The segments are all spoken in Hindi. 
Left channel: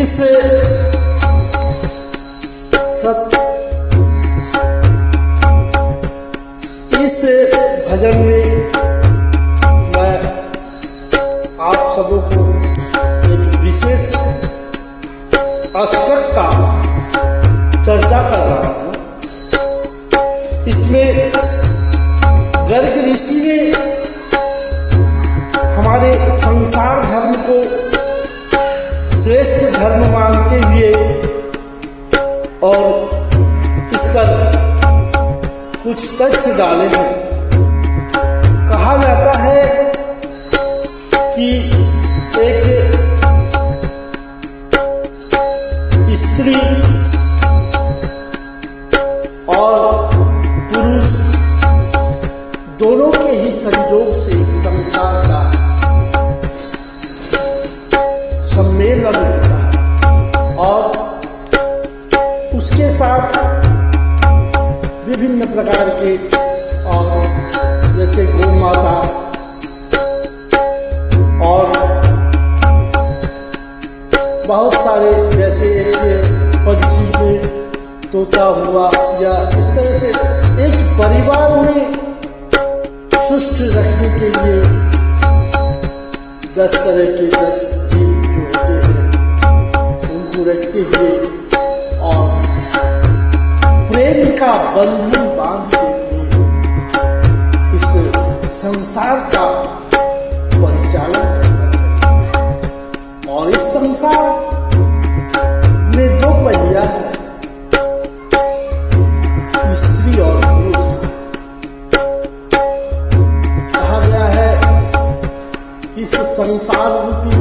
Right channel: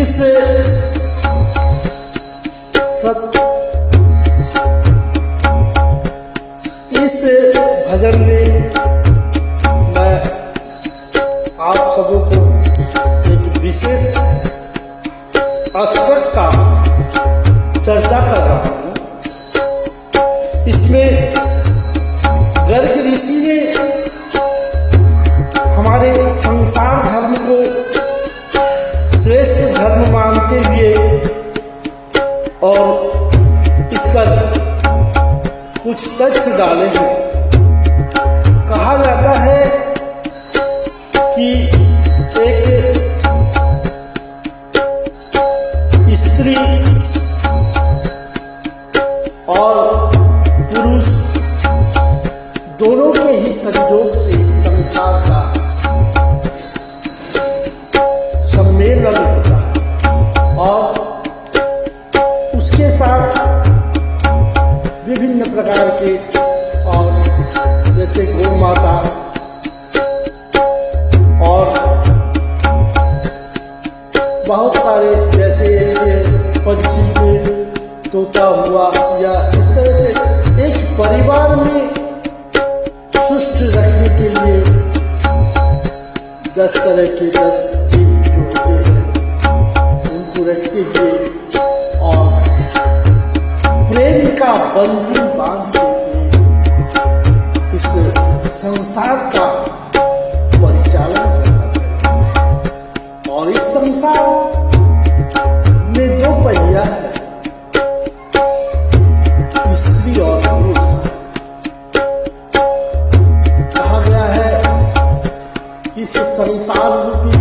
इस भजन में मैं आप सबों को एक विशेष एस्पेक्ट का चर्चा कर रहा हूँ। इसमें गर्ग ऋषि ने हमारे संसार धर्म को श्रेष्ठ धर्म मानते हुए और इस पर कुछ तथ्य डाले हैं। कहा जाता है कि एक स्त्री और पुरुष दोनों के ही संयोग से संसार का सम्मेलन होता है और उसके साथ विभिन्न प्रकार के और जैसे गौ माता और बहुत सारे जैसे एक पंछी में तोता हुआ या इस तरह से एक परिवार में सुष्ठ रखने के लिए 10 तरह के 10 जीव जो होते हैं उनको रखते हुए और प्रेम का बंधन बांधते हुए इस संसार का परिचालन करना चाहिए। और इस संसार में 2 पहिया है, स्त्री और पुरुष। कहा गया है कि इस संसार रूपी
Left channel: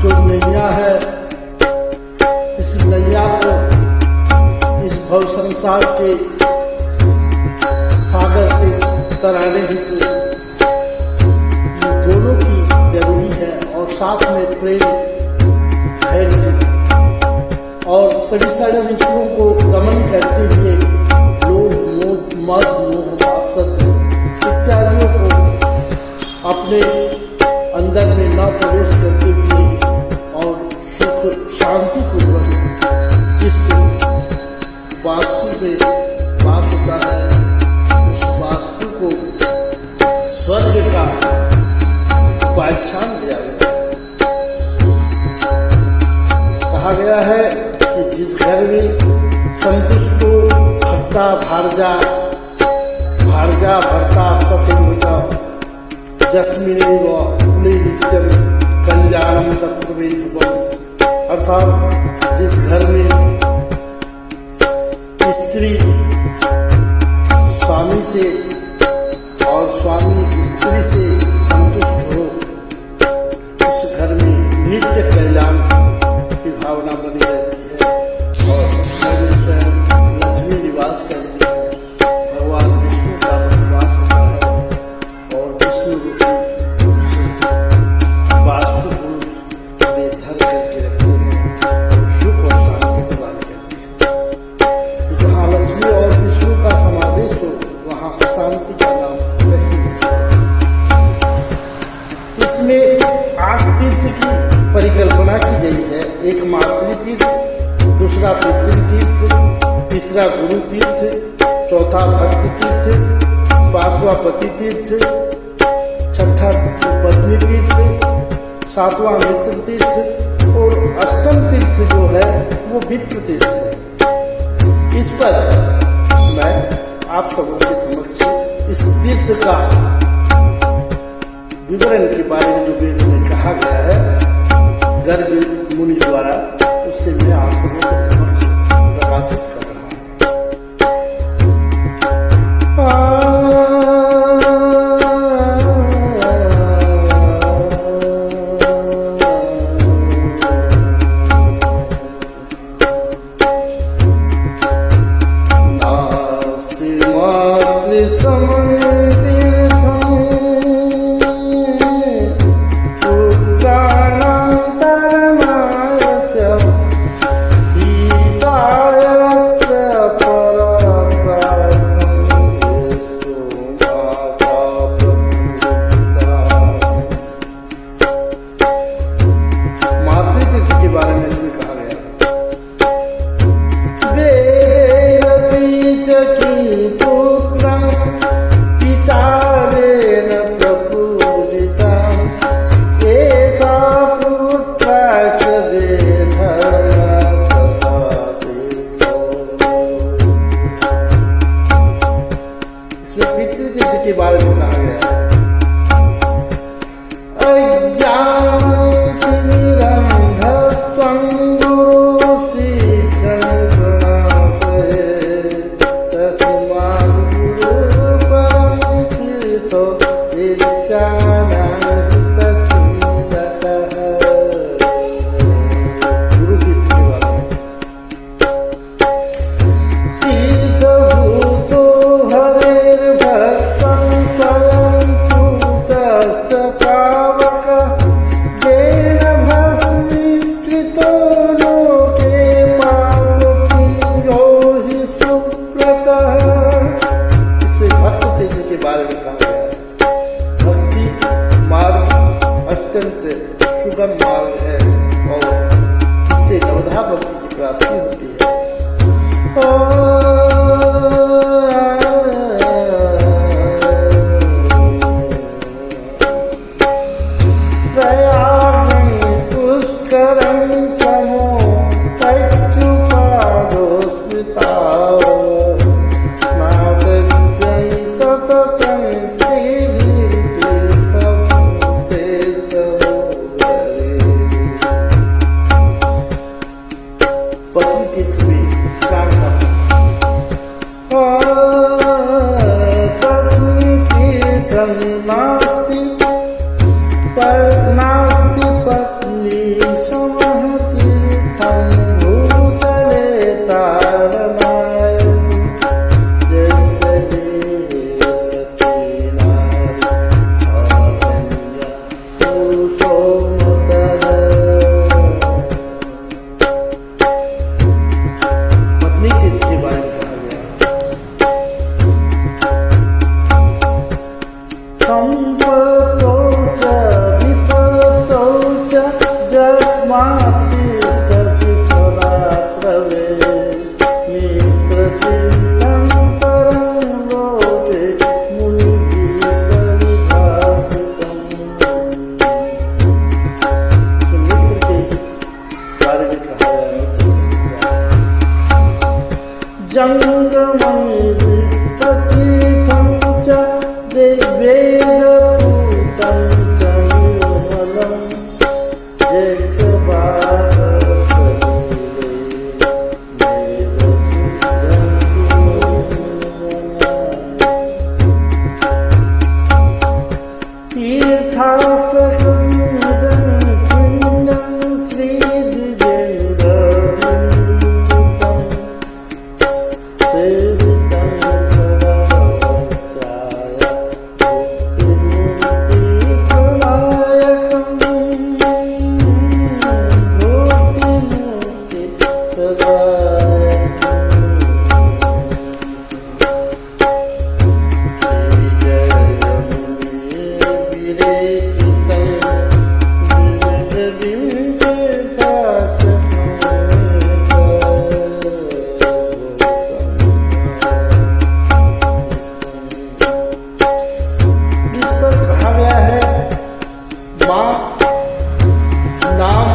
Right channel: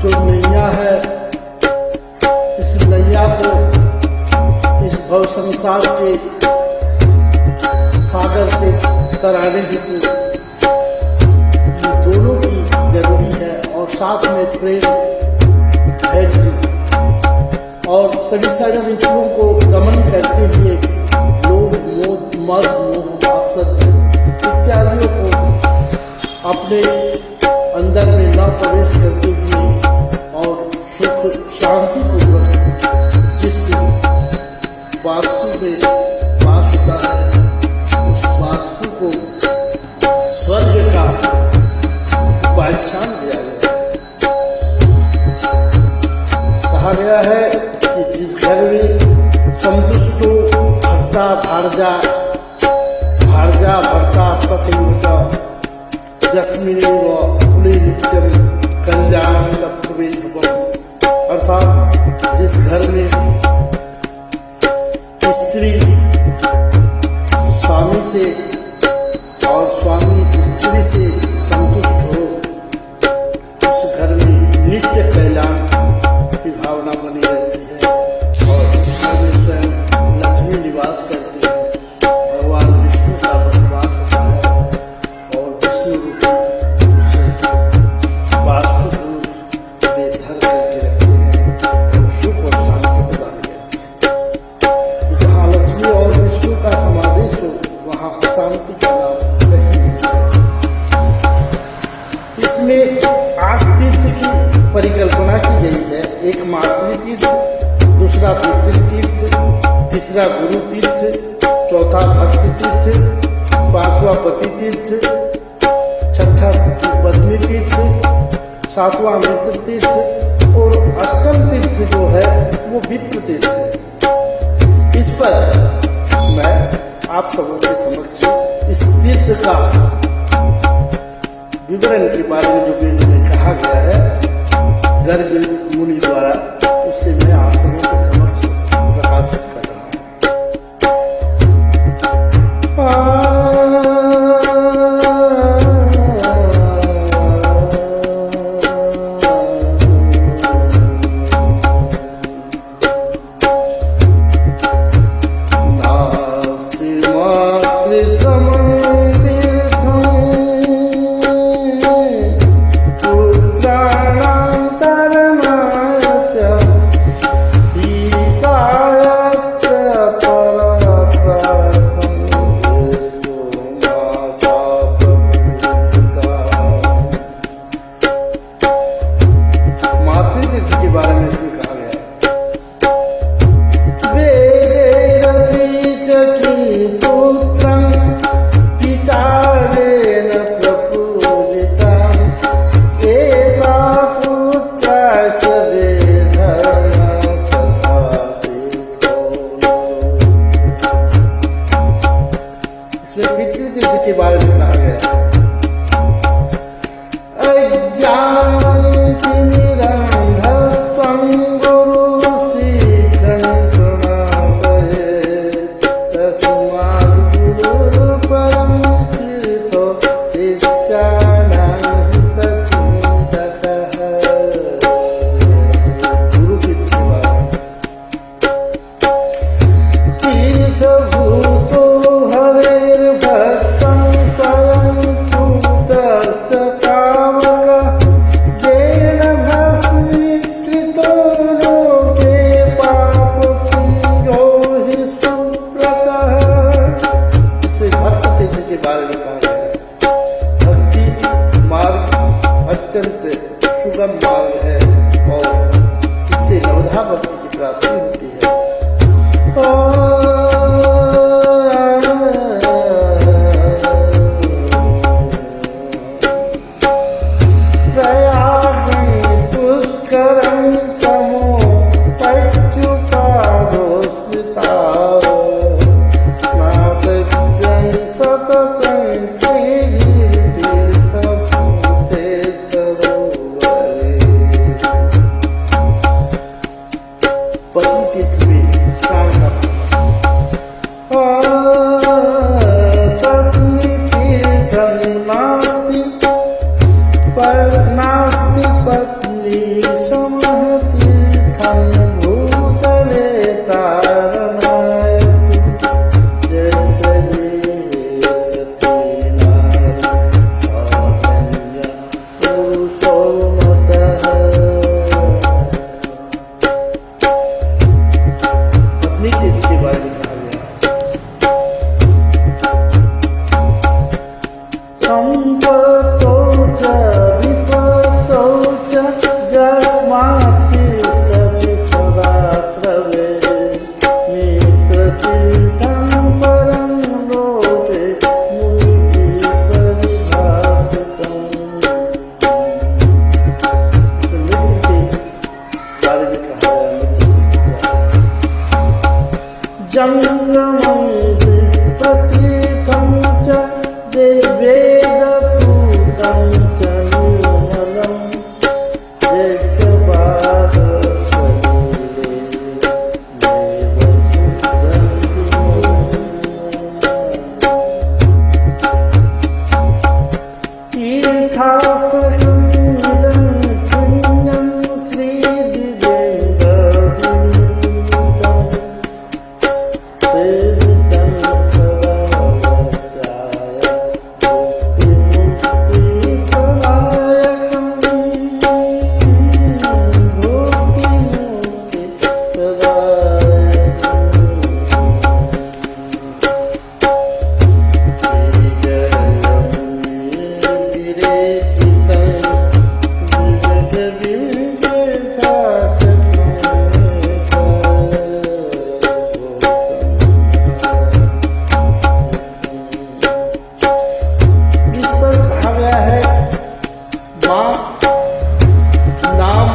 जो नैया है, इस नैया को इस भव संसार के सागर से तराने हेतु इन दोनों की जरूरी है और साथ में प्रेम, धैर्य और सभी सारे विचारों को दमन करते हुए लोभ, मद, मोह, आसक्ति इत्यादियों को अपने अंदर में न प्रवेश करते हुए और सुख शांति पूर्वक जिस वास्तु में वास होता है उस वास्तु को स्वर्ग का पहचान दिया गया। कहा गया है कि जिस घर में संतुष्टो भर्ता भार्जा भर्ता तथैव जस्मिनैव कुले नित्यम कल्याणम तत्र वै शुभम। अर्थात जिस घर में स्त्री स्वामी से और स्वामी स्त्री से संतुष्ट हो उस घर में नित्य कल्याण की भावना बनी रहती है और उस घर में स्वयं लक्ष्मी निवास करती है, भगवान विष्णु का बसवास होता है और विष्णु रूपी पुरुष वास्तु पुरुष में धर करके रखते हैं और सुख और शांति प्रदान करते हैं। जहाँ लक्ष्मी और विष्णु का समावेश हो वहाँ अशांति का नाम कहीं नहीं है। इसमें 8 तीर्थ की परिकल्पना की गई है। एक मातृ तीर्थ, दूसरा पितृ तीर्थ, तीसरा गुरु तीर्थ, चौथा भक्त तीर्थ, 5वां पति तीर्थ, 6ठा पत्नी तीर्थ, 7वां मित्र तीर्थ और 8वां तीर्थ जो है वो विप्र तीर्थ है। इस पर मैं आप सबों के समक्ष इस तीर्थ का विवरण के बारे में जो वेद में कहा गया है गर्ग मुनि द्वारा, उससे मैं आप सबों के समक्ष प्रकाशित कर रहा हूँ। हितायस्य परसार्थं के बारे में कहा गया। अज्ञानतिमिरन्धत्वं गुरु शीघ्रं प्रणाशये तस्मात् गुरुपरं तीर्थो शिष्याणां हितचिन्तकः। गुरु तीर्थ के बारे में तीर्थभूतो हरेर्भक्तं स्वयं पूतस्य पावकः येन भस्मीकृतो लोके पापपुण्यो हि सुव्रतः। इसमें भक्त तीर्थ के बारे में कहा गया। भक्ति मार्ग अत्यंत सुगम मार्ग है और इससे नवधा भक्ति की प्राप्ति होती है। प्रयागं पुष्करं समो पच्युपादोस्मृताः स्नातव्यं सततं श्रीतीर्थभूते सरोवरे। पति तीर्थ में स्नान करना। पत्नी तीर्थं नास्ति नास्ति पत्नी समः तीर्थं भूतले तारणाय यस्य देहे सती नारी साधन्य पुरुषो मतः। पत्नी तीर्थ के बारे में कहा गया। संपत्तौ च विपत्तौ च यस्मात् तिष्ठति सदा त्रवे मित्रतीर्थं परं लोके मुनिभिः परिभाषितम्। मित्र के बारे में कहा गया। मित्र जंगमं विप्रतीर्थं च वेदपूतं च निर्मलं जैक्षवाहसलीले नैव शुद्धन्ति तीर्थाष्टकम् इदं पुण्यं श्रीदिव्येन्द्रविनीतं सेवितं सदा भक्त्याय भुक्तिमुक्तिप्रदायकम् माँ नाम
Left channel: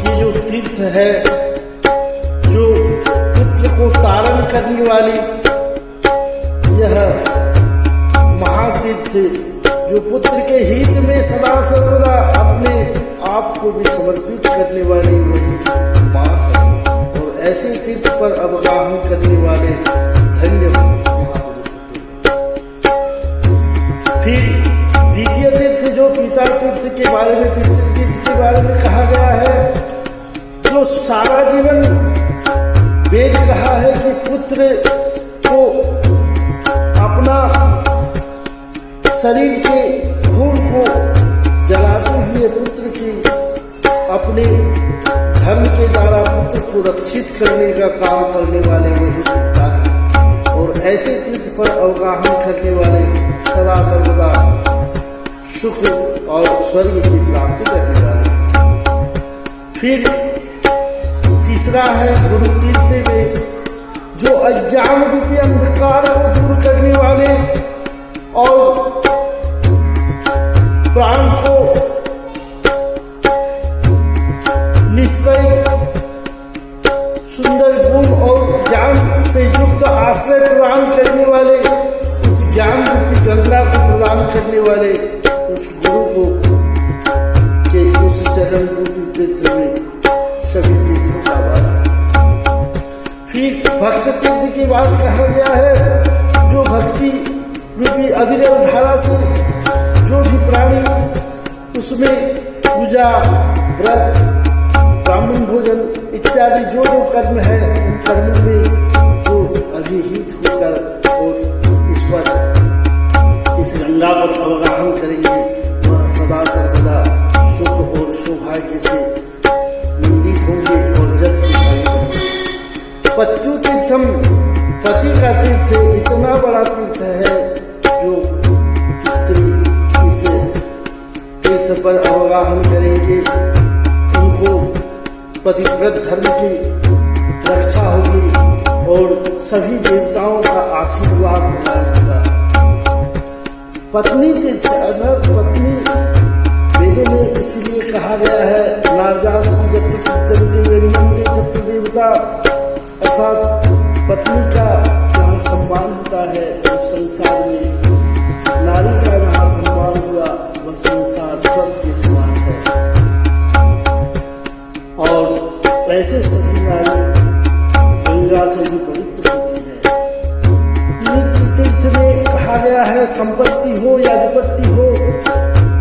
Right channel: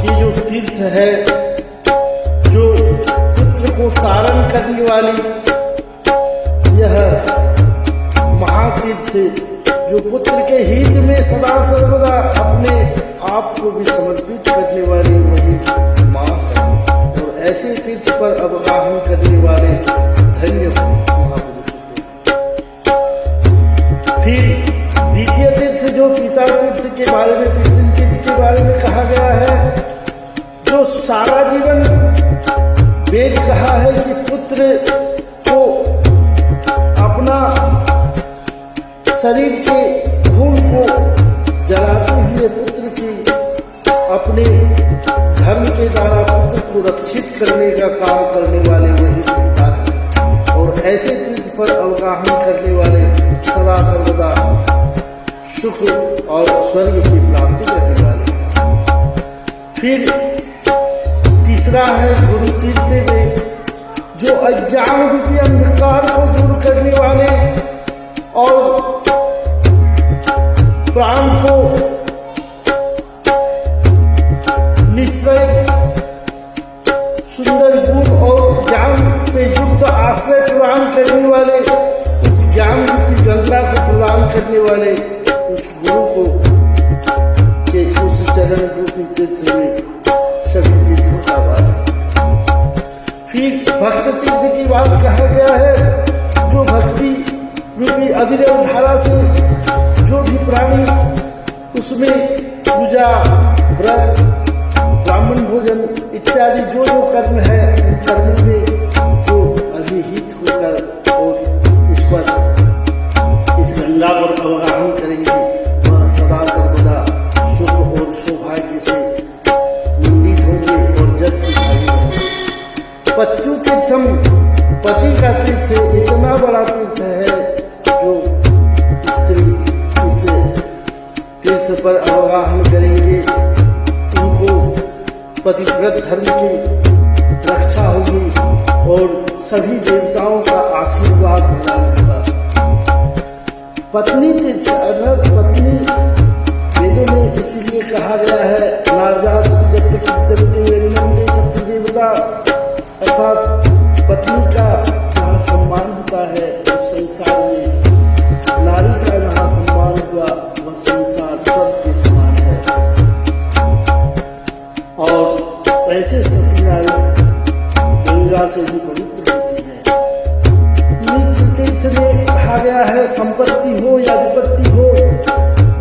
की जो तीर्थ है, जो पुत्र को तारण करने वाली यह महातीर्थ, जो पुत्र के हित में सदा सर्वदा अपने आप को भी समर्पित करने वाली वही माँ है। और ऐसे तीर्थ पर अवगाहन करने वाले धन्य महापुरुष होते हैं। फिर द्वितीय तीर्थ जो पिता तीर्थ के बारे में, पितृतीर्थ के बारे में कहा गया है, जो सारा जीवन वेद कहा है कि पुत्र को अपना शरीर के खून को जलाते हुए पुत्र की अपने धर्म के द्वारा पुत्र को रक्षित करने का काम करने वाले वही पिता हैं। और ऐसे तीर्थ पर अवगाहन करने वाले सदा सर्वदा सुख और स्वर्ग की प्राप्ति करने वाले हैं। फिर तीसरा है गुरु तीर्थ में, जो अज्ञान रूपी अंधकार को दूर करने वाले और प्राण को निश्चय सुंदर गुण और ज्ञान से युक्त आश्रय प्रदान करने वाले उस ज्ञान रूपी गंगा को प्रदान करने वाले उस गुरु को के उस चरण रूपी तीर्थ में सभी तीर्थों का वास है। फिर भक्त तीर्थ की बात कहा गया है, जो भक्ति रूपी अविरल धारा से जो भी प्राणी उसमें पूजा, व्रत, ब्राह्मण भोजन इत्यादि जो जो कर्म है, उन कर्मों में जो अभिहित होकर और इस पर इस गंगा पर अवगाहन करेंगे, वह सदा सर्वदा सुख और सौभाग्य से मंडित होंगे और जस की भागी बनेंगे। पत्यु तीर्थम, पति का तीर्थ इतना बड़ा तीर्थ है जो स्त्री इस तीर्थ पर अवगाहन करेंगे, उनको पतिव्रत धर्म की रक्षा होगी और सभी देवताओं का आशीर्वाद प्रदान होगा। पत्नी तीर्थ अर्थात पत्नी वेदों में इसीलिए कहा गया है, नार्यास्तु जत्ति पूजन्ते रंजन्ते सप्त देवता, अर्थात पत्नी का जहाँ सम्मान होता है उस संसार में, नारी का जहाँ सम्मान हुआ वह संसार स्वर्ग के समान है। और ऐसे सती नारी गंगा से भी पवित्र होती है। मित्र तीर्थ में कहा गया है, संपत्ति हो या विपत्ति हो,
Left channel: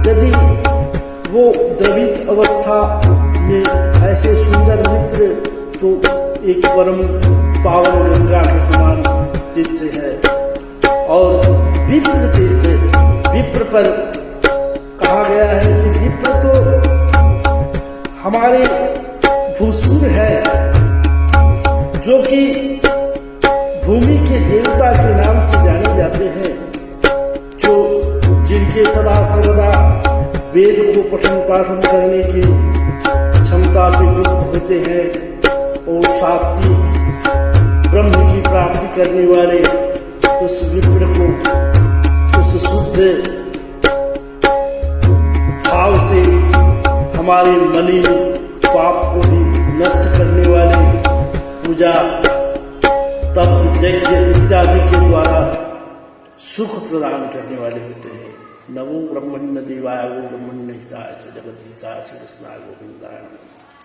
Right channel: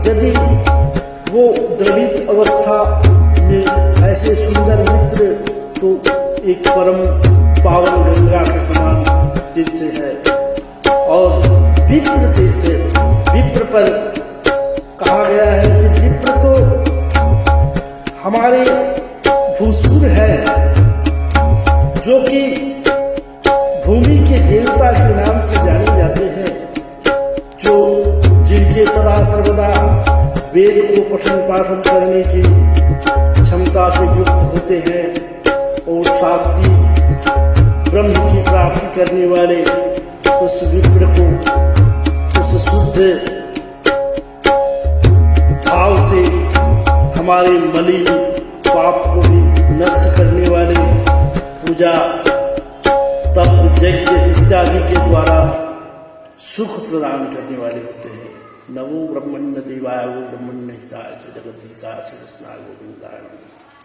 यदि वो द्रवित अवस्था में ऐसे सुंदर मित्र, तो एक परम पावन गंगा के समान तीर्थ है। और विप्र तीर्थ, विप्र पर कहा गया है कि विप्र तो हमारे भूसुर है, जो कि भूमि के देवता के नाम से जाने जाते हैं, जो जिनके सदा सर्वदा वेद को पठन पाठन करने की क्षमता से युक्त होते हैं और सात्विक ब्रह्म की प्राप्ति करने वाले उस विप्र को, उस शुद्ध भाव से हमारे मलिन पाप को भी नष्ट करने वाले पूजा, तप, यज्ञ इत्यादि के द्वारा सुख प्रदान करने वाले होते हैं। नमो ब्रह्मण्य देवाय गो ब्रह्मण्य हिताय च जगद्धिताय श्री कृष्णाय गोविंदाय नमः।